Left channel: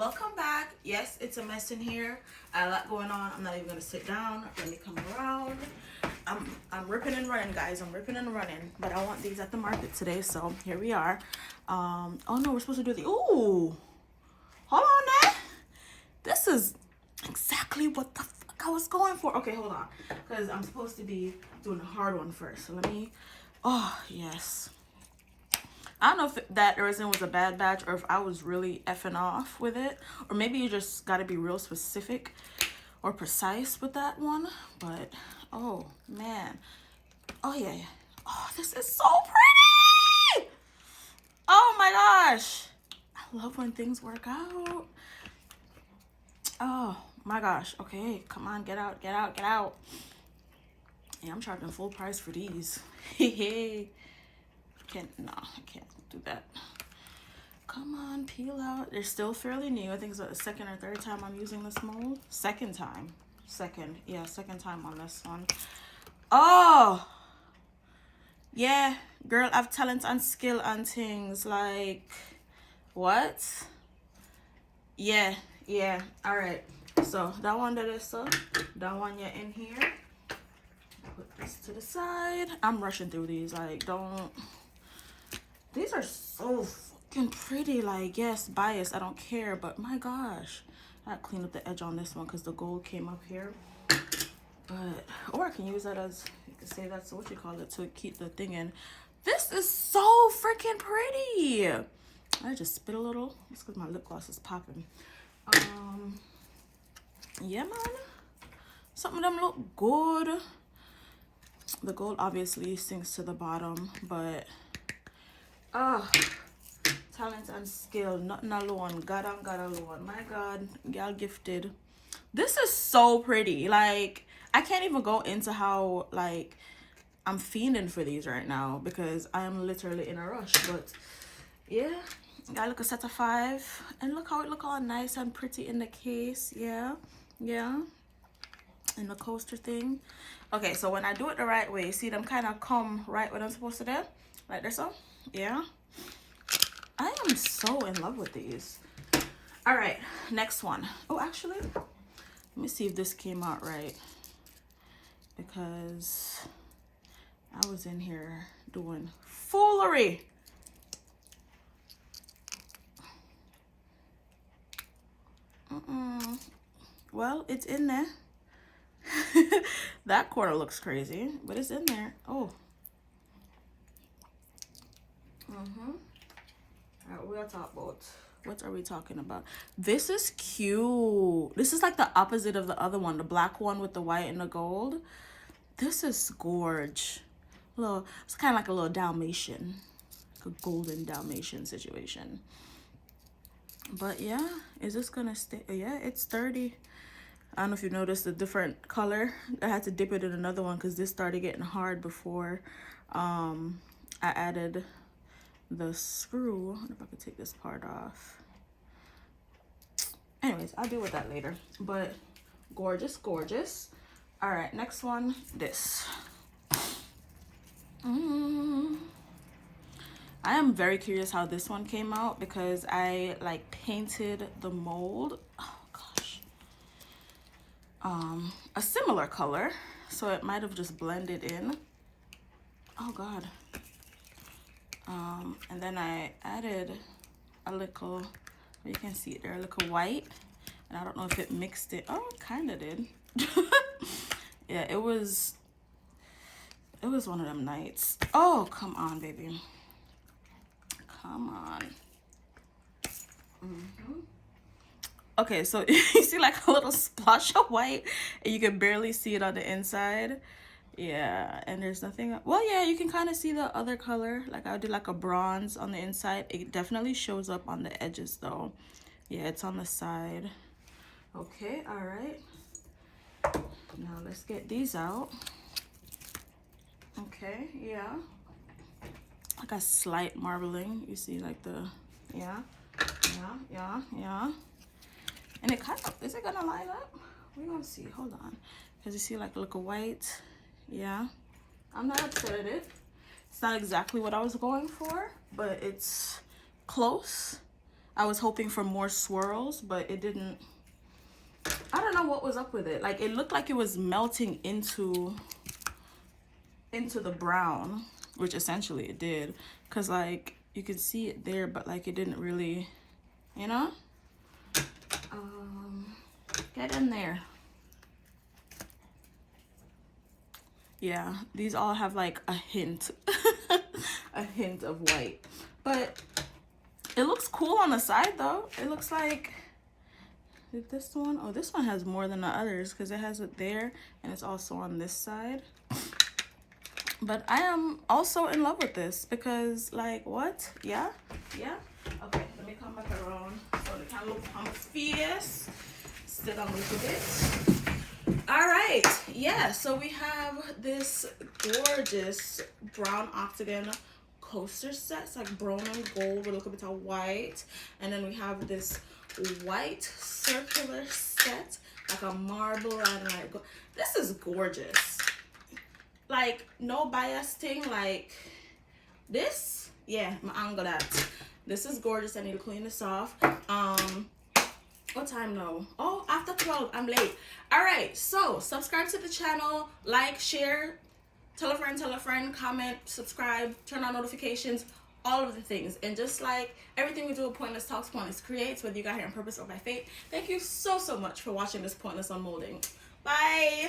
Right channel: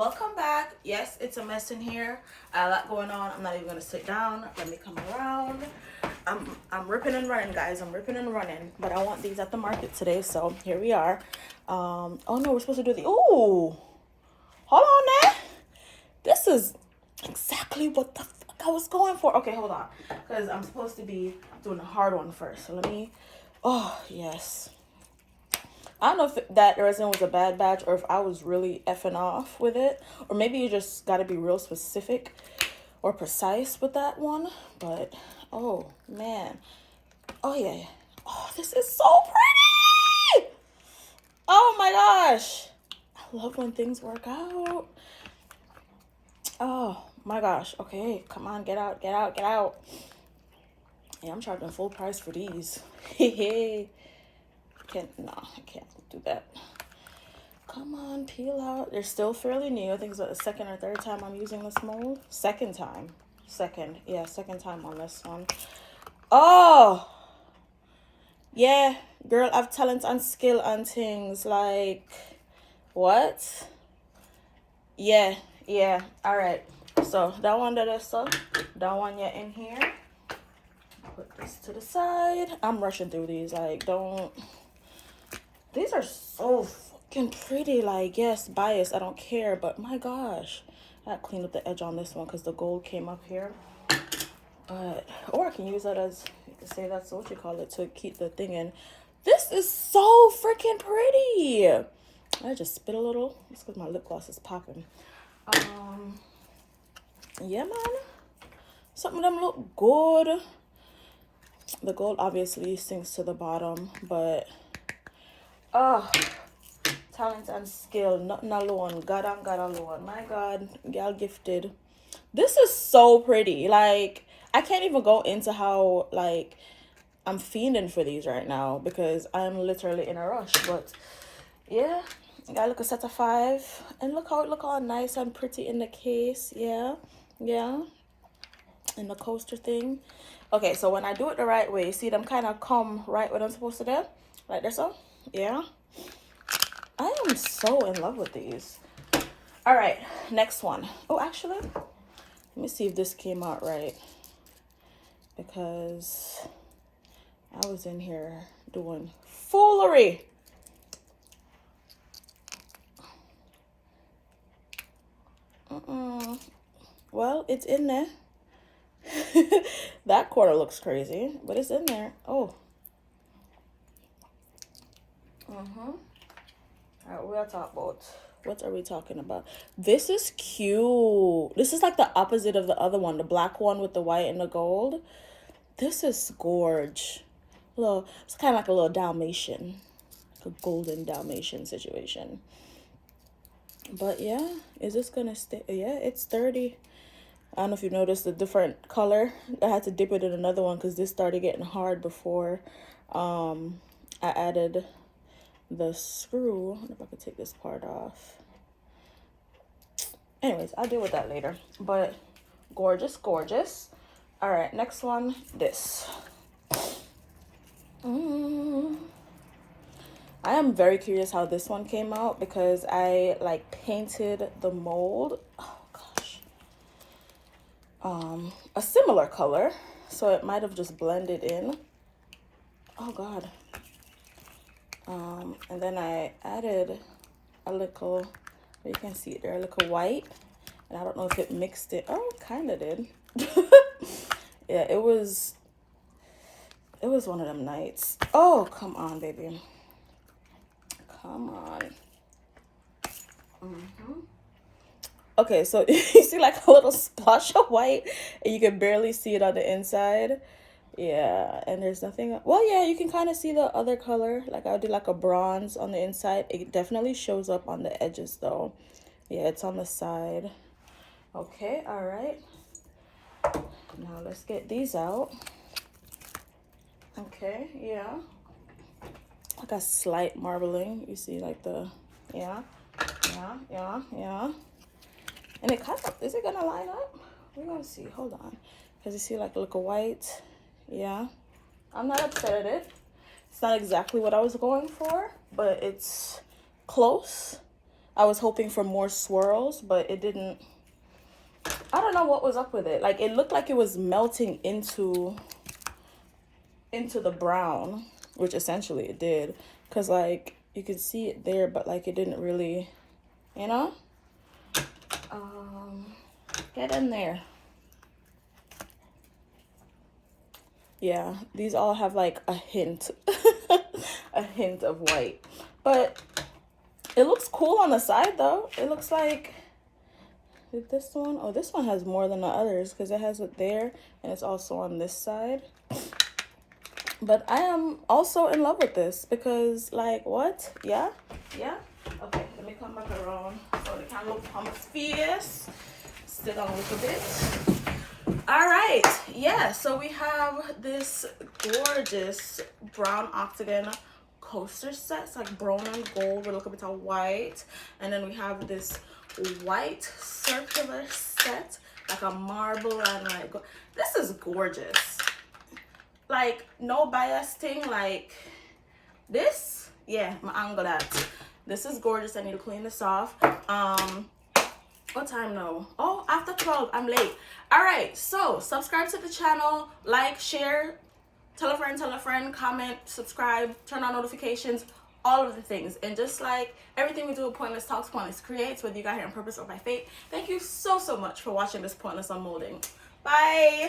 Welcome back. Yes, it's a mess in here. A lot going on. I'm not even gonna sit down. Let me come around. I'm ripping and running, guys. I'm ripping and running. But I want these at the market today, so here we are. Oh no, we're supposed to do the hold on there. This is exactly what the fuck I was going for. Okay, hold on. Because I'm supposed to be doing the hard one first. So let me yes. I don't know if that resin was a bad batch or if I was really effing off with it. Or maybe you just got to be real specific or precise with that one. But, oh, man. Oh, yeah. Oh, this is so pretty. Oh, my gosh. I love when things work out. Oh, my gosh. Okay, come on. Get out, get out, get out. Yeah, I'm charging full price for these. No, I can't do that. Come on, peel out. They're still fairly new. I think it's the second or third time I'm using this mold. Second time on this one. Oh yeah, girl, I've talent and skill on things. Like what? Yeah, all right. So that one that is so that one you're in here. Put this to the side. I'm rushing through these. Like, don't. These are so fucking pretty. Like, yes, bias, I don't care, but my gosh, I gotta clean up the edge on this one because the gold came up here. But, or I can use that as, you can say that's what you call it, to keep the thing in. This is so freaking pretty. I just spit a little. It's because my lip gloss is popping. Yeah, man. Some of them look good. The gold obviously sinks to the bottom, but talent and skill, nothing alone. God and God alone. My God, y'all gifted. This is so pretty. Like, I can't even go into how, like, I'm fiending for these right now because I'm literally in a rush. But yeah, got like a set of 5, and look how it look all nice and pretty in the case. Yeah, in the coaster thing. Okay, so when I do it the right way, you see them kind of come right when I'm supposed to do, like this. So yeah, I am so in love with these. All right, next one. Oh, actually, let me see if this came out right, because I was in here doing foolery. Well, it's in there. That corner looks crazy, but it's in there. Oh. All right, we'll talk about, what are we talking about? This is cute. This is like the opposite of the other one, the black one with the white and the gold. This is gorge. Little, it's kind of like a little Dalmatian, like a golden Dalmatian situation. But yeah, is this gonna stay? Yeah, it's sturdy. I don't know if you noticed the different color. I had to dip it in another one because this started getting hard before I added the screw. I wonder if I could take this part off. Anyways, I'll deal with that later. But gorgeous, gorgeous. All right, next one, this. I am very curious how this one came out because I like painted the mold. A similar color, so it might have just blended in. Oh God. And then I added a little, you can see it there, a little white, and I don't know if it mixed it. Oh, it kind of did. Yeah, it was one of them nights. Oh, come on, baby, come on. Okay, so you see like a little splash of white and you can barely see it on the inside. Yeah, and there's nothing. Well, yeah, you can kind of see the other color. Like I did like a bronze on the inside. It definitely shows up on the edges though. Yeah, it's on the side. Okay, all right. Now let's get these out. Okay, yeah. Like a slight marbling. You see like the, yeah. And it kind of, is it gonna line up? We're gonna see, hold on. Because you see like a little white. Yeah, I'm not upset at it. It's not exactly what I was going for, but it's close. I was hoping for more swirls, but it didn't. I don't know what was up with it. Like, it looked like it was melting into the brown, which essentially it did, because like you could see it there, but like it didn't really, you know. Get in there. Yeah, these all have like a hint a hint of white, but it looks cool on the side though. It looks like this one, oh, this one has more than the others because it has it there and it's also on this side. But I am also in love with this because, like, what? Yeah? Okay, let me come back around so the camera will come face. Sit down a little bit. All right, yeah, so we have this gorgeous brown octagon coaster set. It's like brown and gold with a little bit of white. And then we have this white circular set, like a marble and like, this is gorgeous. Like, no bias thing, like this, yeah, my angle that. This is gorgeous. I need to clean this off. What time now? Oh, after 12, I'm late. All right, so subscribe to the channel, like, share, tell a friend, comment, subscribe, turn on notifications, all of the things. And just like everything we do at Pointless Talks, Pointless Creates, whether you got here on purpose or by fate, thank you so much for watching this Pointless Unmolding. Bye.